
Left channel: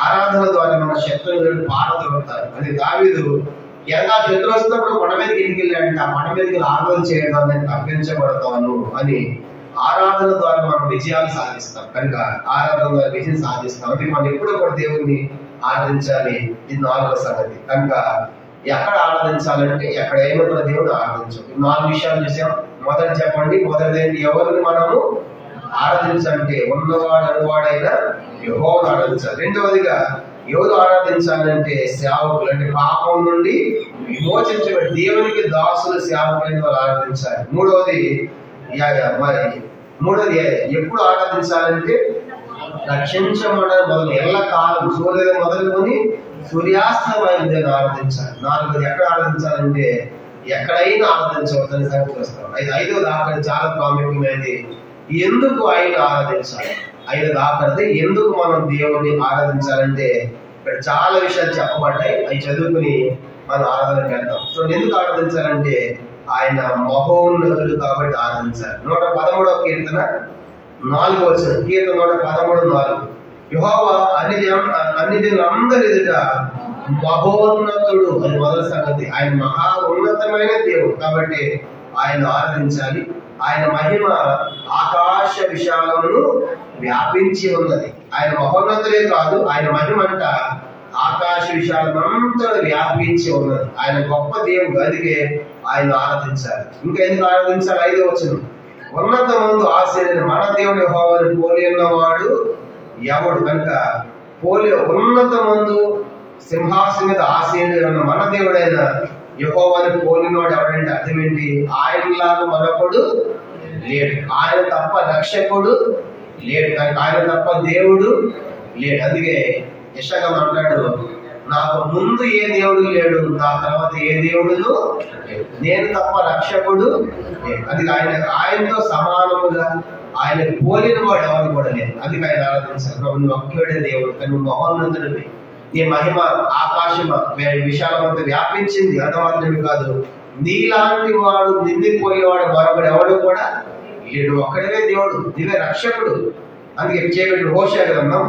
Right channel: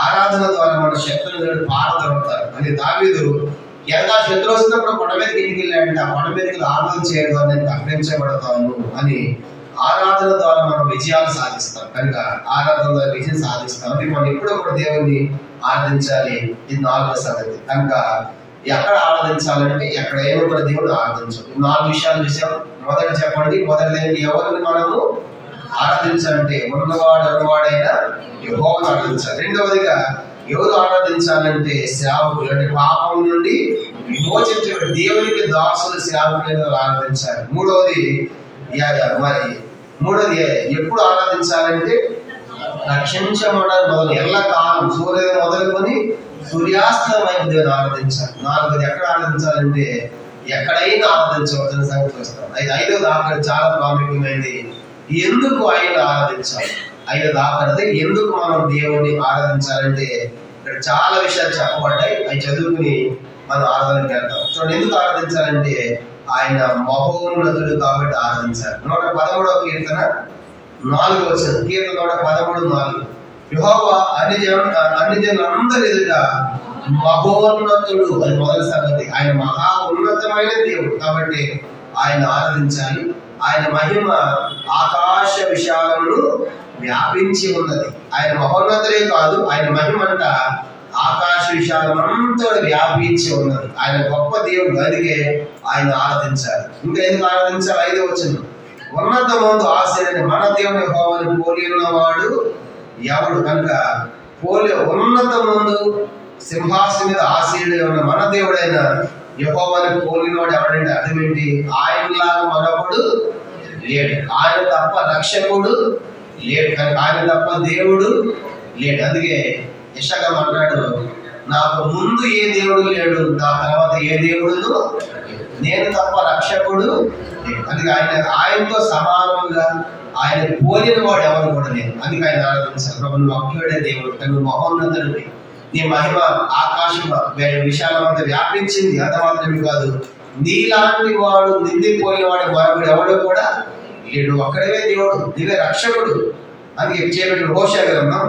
ఆరాధన ద్వారా మన శత్రువులను పారదొరుకుతారు. అని దావీదు ఎలా శత్రువు వస్తున్నప్పుడు కొండ మీదకి ఇంటికి వెళ్ళాడంటే ఆ కొండ మీదకి ఆరాధన చేయడం నేను తప్పించబడతాను అని ఆరాధన ద్వారా మనం విజయాలు సాధిస్తాం. కనుక ఆరాధన ద్వారా విజయం సాధిస్తాం. అంటే మనం ఎప్పుడో కూడా దేవుణ్ణి ఆరాధించాలి. ఇది 4వ సంగతి. కనుక ఎక్కడ ఆరాధించాలంటే ఎక్కడైనా కూడా దేవుడు ఆరాధించాలి. 4 విషయాలు చూసాం. మొదటి చెప్పండి, మొదటిది ఎవరిని మనము ఆరాధించాలంటే ఉన్నవాడు అనువాడైన యెహోవాను ఆరాధించాలి. రెండవదిగా ఎవరు ఆరాధించాలంటే సేవకులు, అంటే పాపం నుండి విమోచించబడి దేవునికి దాసులు సేవకులైన వాళ్ళు ఆరాధించాలి. మూడవది ఎప్పుడు ఆరాధించాలంటే రక్షించమని మొదలు ఎల్లకాలం సూర్యోదయం మొదలుకొని సూర్యాస్తమైన దేవుని ఆరాధించాలి. 4వది ఎక్కడ ఆరాధించాలంటే ఎక్కడైనా ఆరాధించవచ్చని సంగతి చూస్తాం. 5వది ఆఖరి చాలా ప్రాముఖ్యమైనది, ఎందుకు ఆయన ఆరాధించాలి. 5వది ఆఖరిది ఎందుకు మనం దేవుణ్ణి ఆరాధించాలంటే ఇక్కడ చాలా విషయాలు చెప్పబడ్డాయి. అవి చదువుకుని మనం ఆరాధనకి వెళ్తాం. చూడండి, ఎందుకు ఆరాధించాలంటే ఆయన మహోన్నతుడు కాబట్టి ఆరాధించాలి. 113వ కీర్తన 4వ వచనం, కీర్తన 113:4 యెహోవా అన్ని జనులందరి ఎదుట మహోన్నతుడు అని మొదటి సంగతి. ఆయన మహా ఉన్నతమైన దేవుడు కాబట్టి ఆయన ఆరాధించాలి. ఆయన మహిమ ఆకాశ విశాలమును వ్యాపించి ఉన్నది. ఆయన మహోన్నతుడే కాదు, ఆయన మహిమ అంట ఆకాశ విశాలమంతా వ్యాపించి ఉన్నది. ఆయన గొప్ప దేవుడు, అందుకే ఆయన ఆరాధించాలి. ఇంకా ఎందుకు ఆరాధించాలి? 5వ వచనం, ఉన్నతమందు ఆశీర్వదించిన మన దేవుని యెహోవాను పోలి ఉన్నవాడు ఎవడు. కనుక ఉన్నతమందు సింహాసనం మీద ఆశీనుడు ఉన్న మన దేవుడైన యెహోవాను పోలినవాడు ఎవడంటే అర్థం ఏంటి? ఆయనలాగా మరొకడు లేడు, ఆయన తప్ప రక్షకుడు లేడు, కనుక ఆయన తప్ప దేవుడు లేడు. అందుకే యెషయా అంటాడు, నాకు ముందు ఏ దేవుడు లేడు, నా తర్వాత ఏ దేవుడును నేను తప్ప రక్షకుడు లేడు. అందుకే ఆయనతో సమానముగా ఆయన పోలిన వాడు ఎవరు కూడా లేదు. అందుకే ఆయన ఆరాధించాలి. నువ్వు ఒక్కడే దేవుడు, నువ్వు మహోన్నతుడివి, నీ మహిమ ఆకాశం విశాలమంతా వ్యాపించింది. అంత మాత్రమే కాదు, నీలాంటి వాడు నిందిపోయేవాడు మరొకడు ఎవడు కూడా లేడు. ఒక్కడే దేవుడు, నీవే రక్షకుడు. అందుకే చేయబెట్టిన హోషేయ గ్రంథం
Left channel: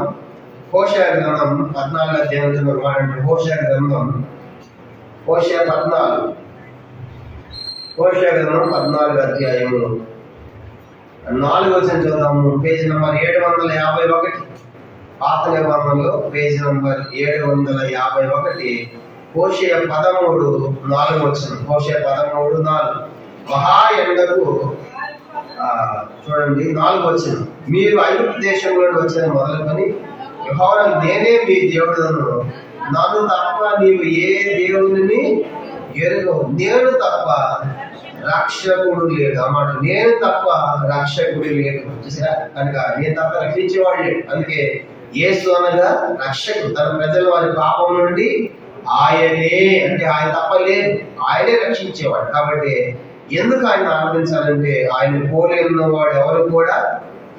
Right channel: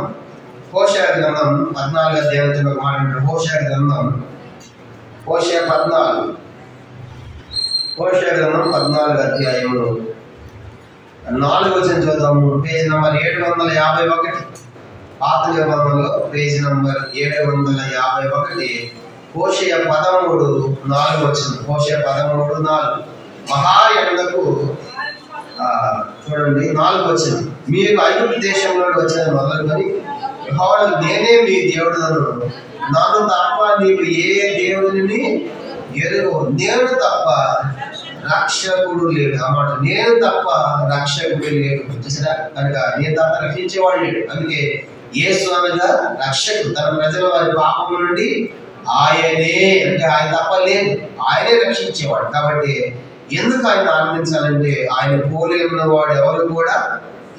14వ అధ్యాయం ఒక మాట అంటారు. హోషేయ గ్రంథం 14వ అధ్యాయము 4వ వచనం చదువుతాము. పేజీ నంబర్ 751, పాత నిబంధనలో పేజీ నంబర్ 751, హోషేయ 13:4 వచనం. హోషేయ 13:4 మహా ఎండకు చూడండి 4వ వచనం, మీరు ఐగుప్తు దేశంలో వచ్చిన మొదలుకొని యెహోవా నేనే మీ దేవుడును, నన్ను తప్ప నీవు ఏ దేవుని ఎరుగవు, నేను తప్ప రక్షకుడు లేడు. అన్నమాట, నేను తప్ప రక్షకుడు లేడు. చూసారా? కనుక నేను తప్ప రక్షించేవాడు లేడు. అందుకే యేసు అనగా రక్షకుడు. తన ప్రజల వారి పాపం నుండి ఆయనే, అంటే ఆయన తప్ప లేదు, ఆయనే రక్షించేవాడు. కాబట్టి ఎందుకు ఆయన ఆరాధించాలంటే ఆయన పోలి ఉన్నవాడు ఎవరు కూడా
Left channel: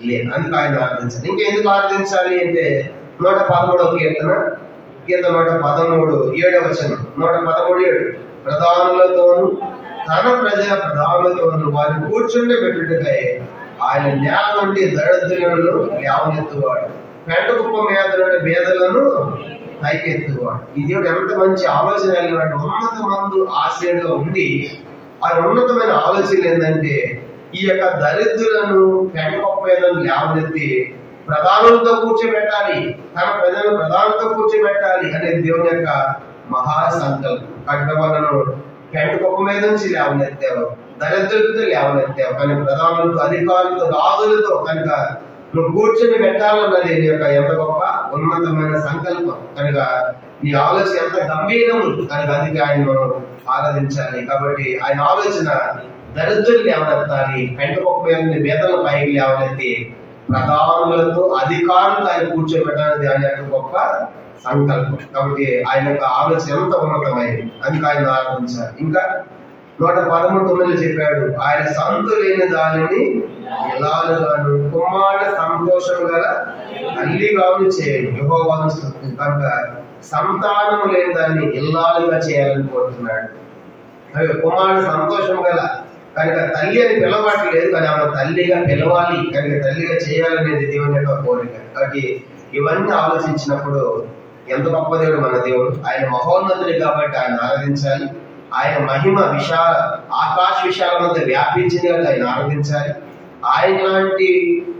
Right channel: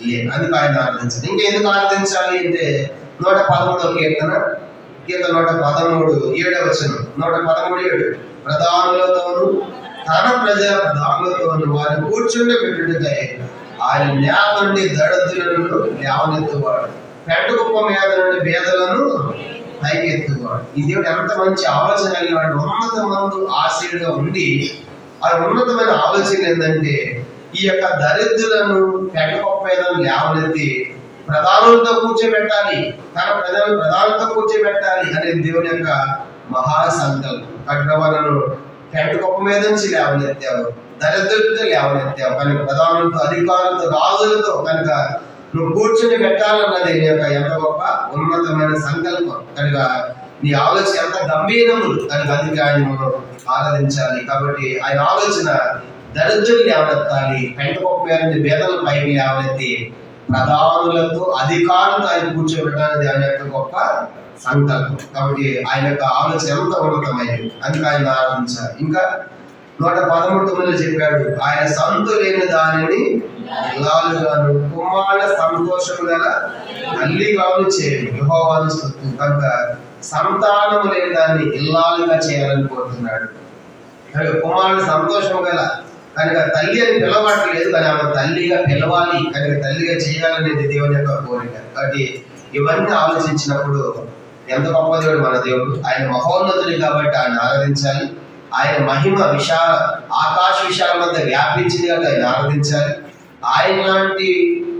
లేదు. అందుకు ఆయన ఆరాధించాలి. ఇంకా ఎందుకు ఆరాధించాలి అంటే 113వ కీర్తన 113 7వ వచనం, 113:7 ప్రధానులతోను తన ప్రజల ప్రధానులతోను వారిని కూర్చుండబెట్టుటకై ఆయన నేల నుండి దరిద్రులను లేవనెత్తువాడు, పెంట కుప్ప మీద నుండి పేదలను పైకెత్తువాడు. ఈ దేవుడు ఎంత మంచి ఆలోచన కలిగినాడు. ఉన్నతమందు ఆశయంగా ఉండి ఆ ఉన్నతమైన ఆలోచన ఏంటంటే ఈ యొక్క దరిద్రులను పెంట కుప్ప మీద లేవనెత్తి ప్రధానులతో కూర్చోబెట్టాలి, తన ప్రజలను ప్రధానులతో కూర్చోబెట్టాలి అనేది దేవుని యొక్క మహా సంకల్పం. అక్కడ వాళ్ళను పెంట కుప్ప మీద నుంచి లేవనెత్తావు, దరిద్రులతో లేవనెత్తావు, కానీ ప్రధానులతో, అధికారులతో, రాజులతో కనుక నువ్వు కూర్చొని పెట్టాలన్నది నీ యొక్క ఎంత గొప్ప ఉన్నతమైన సంకల్పం. కనుక నీ ఆలోచన ఎంత గంభీరము కనుక అందుకే ఆయన మనం ఆరాధించాలి. కాబట్టి ఆయన ఆలోచన దరిద్రులు లేవనెత్తాలి, పెంట కుప్ప మీద నుండి బేదల పైకి లేవనెత్తి ప్రధానులతో అధికారులతో ఆయన కూర్చోబెట్టడానికి ఆయన యొక్క గొప్ప సంకల్పం. కాబట్టి ఆయన యొక్క ఆలోచన ఎంత ఉన్నతమైనది, అందుకు ఆయన ఆరాధించాలి. ఇంకా 113 చెప్పాడు, ఆయన సంతు లేని దానిని ఇల్లాలుగాను కుమారుల సంతోషము గల తల్లిగాను చేయండి, యెహోవాను స్తుతించు. కనుక సంతానము లేని దాన్ని ఇల్లాలుగా చేయాలని కోరుతున్నాడు. కుమారుడు సంతోషం గల కనుక తల్లి అని పిలవట్లేదు, కానీ ఆమె తల్లిగా పిలవాలి, కనుక తల్లిగా చేయాలనేది దేవుని యొక్క కోరిక. కాబట్టి ఇవన్నీ ఆలోచించినప్పుడు ఎంత గొప్ప దేవుడు మన దేవుడు. ఆయన మహోన్నతుడు కాబట్టి ఆయన ఆరాధించాలి. ఆయన మహిమ విశాల ఆకాశ విశాలమంత వ్యాపించింది కాబట్టి ఆయన ఆరాధించాలి. ఆయన లాంటి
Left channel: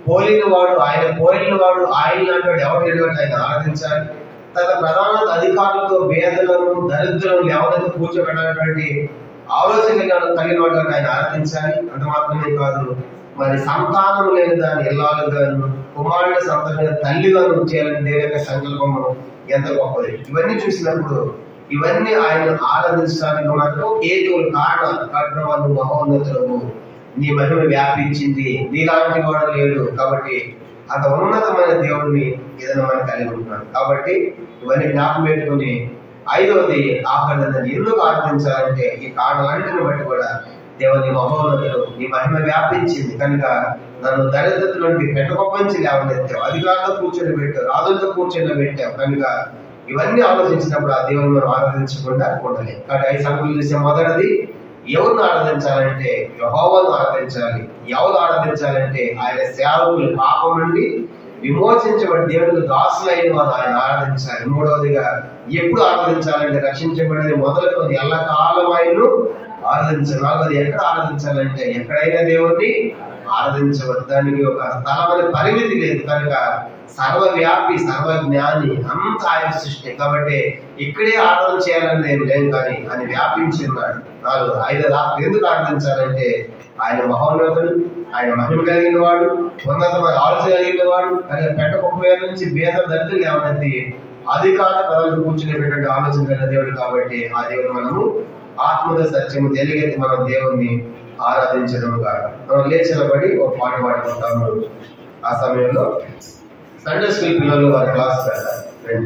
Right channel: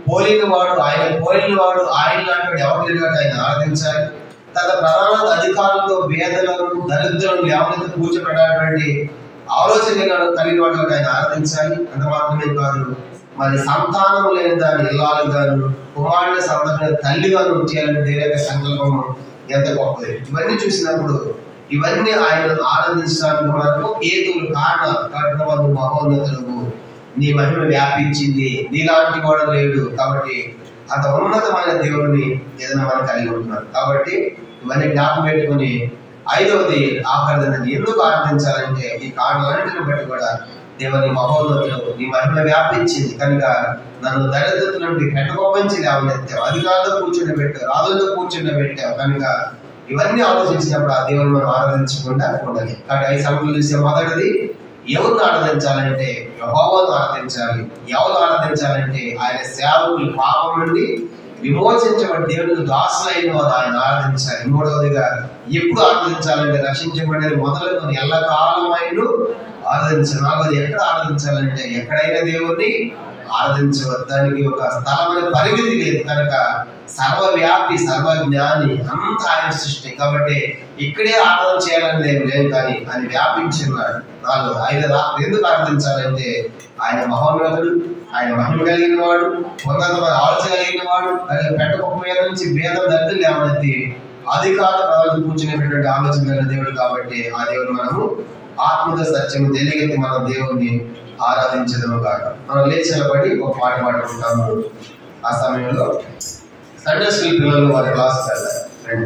పోలిన వాడు, ఆయన పోలిన వాడు, ఆయన లాంటి వాడు ఎవరు లేడు కాబట్టి ఆయన ఆరాధించాలి. తన ప్రధాన అధికారులతో పేదలను దరిద్రులను ఎవరైతే కూర్చోబెట్టాలన్నటువంటి ఆలోచన కలిగిన వాడు ఆయన ఆరాధించాలి. అంత మాత్రమే కాదు, మరి సంతానం లేని దాన్ని ఇల్లాలుగాను కుమారుని సంతానం తల్లిగాను చేయాలని దేవుని యొక్క సంకల్పము ఎంత గొప్పది. ఇవన్నీ చూసినప్పుడు ఇవన్నీ ఆయన ఆరాధించడానికి మనకు హేతువులు కారణాలు. కఠినవాడు మహోన్నతులకు నీ మహిమ వ్యాపించింది, నీలాంటి వాడు లేడు, కాబట్టి అంత ఉన్నతమైన దేవుడిని ఏదైనా మనం కలిగి ఉంటున్నాం. కాబట్టి ఇవన్నీ జ్ఞాపకం పెట్టుకుని 5వది ఆఖరిదని ఎందుకు ఆరాధించాలంటే ఈ కారణాలన్నింటిని బట్టి కూడా దేవుని మహోన్నతులు నీ మహిమ వ్యాపించింది కనుక నన్ను దరిద్రతల నుండి పెట్టకొప్పంచి లేవనెత్తావు, అధికారులతో కూర్చొని పెట్టావు, రాజులతో కూర్చొని పెట్టావు. కనుక ఇవన్నీ ఆలోచించినప్పుడు ఆ దేవుని మనం ఆరాధించకుండా ఉండాలి. కాబట్టి 5 సంగతులు చూసే మొదటిది, ఎవరిని ఆరాధించాలంటే యెహోవాను ఆరాధించాలి. ఎవరు ఆరాధించాలంటే ఆయన సేవకులు పాపం నుండి విమోచించబడి దేవునికి దాసులైన వారు ఆయన ఆరాధించాలి. 3వదిగా ఎప్పుడు ఆరాధించాలంటే రక్షించబడేది మొదలుకొని ఎల్లకాలం ఆయన్ను ఆరాధించాలి. 4వది ఎక్కడ ఆరాధించాలంటే ఎక్కడైనా దేవుణ్ణి ఆరాధించవద్దు, దానికి ఒక స్థలమైన పరిమితి లేదు. కనుక సర్వవ్యాపి సర్వజ్ఞాని అంత ఆయన సృష్టి కాబట్టి ఇక్కడే ఆరాధన చేయాలని ఏం లేదు, కానీ ఆయన వ్యాపించి ఉన్నాడు. 5 ఎందుకు ఆరాధించాలంటే ఆయన మహోన్నతుడు, ఆయన మహిమ కలిగిన వాడు, ఉన్నతమైన ఆలోచన కలిగిన వాడు, పెట్ట కుప్ప మీద నుంచి భేద దరిద్రులు లేవనెత్తి అధికార పదవులు కూర్చునేటువంటి ఆలోచన కలిగిన దేవుడు. కాబట్టి ఆ దేవుడు మనము ఆత్మగా సత్యము తెలియగెత్తి మనం దేవుణ్ణి ఆరాధించడము కాక మనం లేచలబడి ఒక పాట పాడుకుంటాము. ఆ సమయంలో సండే స్కూల్ పిల్లలు వారి క్లాస్ పెడతారు.